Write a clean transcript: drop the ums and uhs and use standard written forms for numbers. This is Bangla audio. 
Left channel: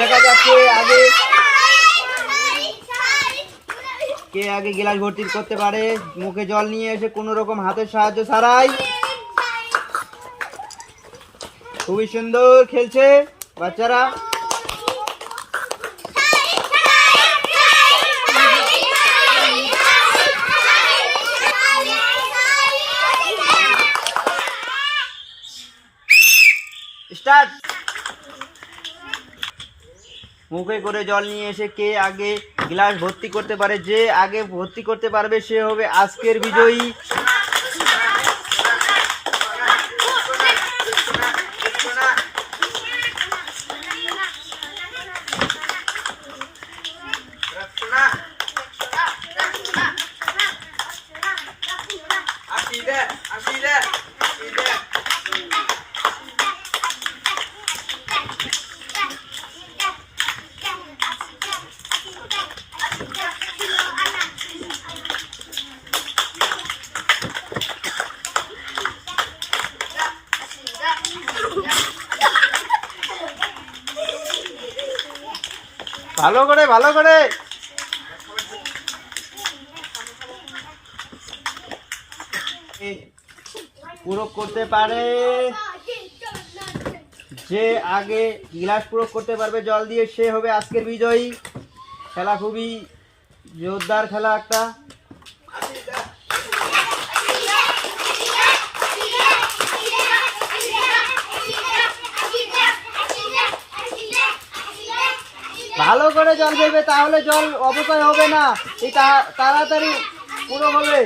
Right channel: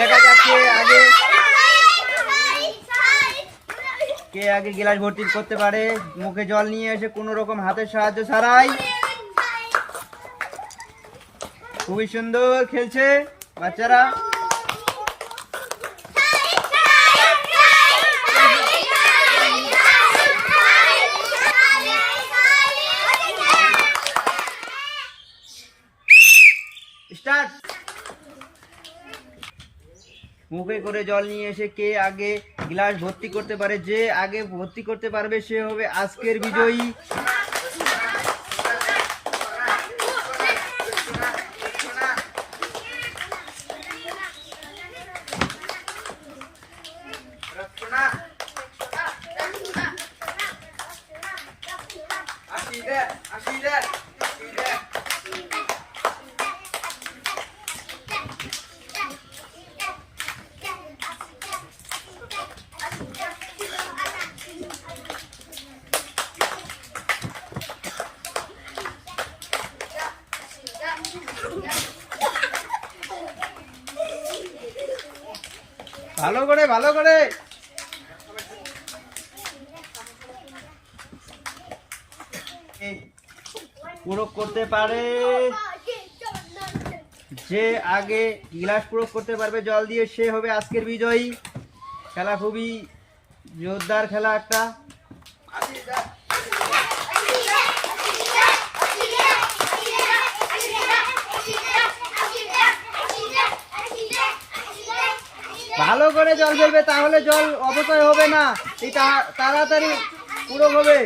দেখা যাক কে আগে গ্লাস ভর্তি করতে পারে মুখে জল নিয়ে এসে কোনো রকম হাতের সাহায্য ছাড়াই। খুবই সুন্দর খেলছে বাচ্চারা। স্টার্ট। মুখে করে জল নিয়ে এসে কে আগে গ্লাস ভর্তি করতে পারে, যে আগে ভর্তি করতে পারবে সে হবে আজকের বিজয়ী। ভালো করে পূরক করতে পারে, যে আগে গ্লাস পূরক করতে পারবে জল দিয়ে সে হবে আজকের বিজয়ী। খেলা খুবই জোরদার খেলা একটা। ভালো করে জল ফেলবে, তাহলে জল অপচয় হবে না, এই তাড়াতাড়ি পূরক হবে।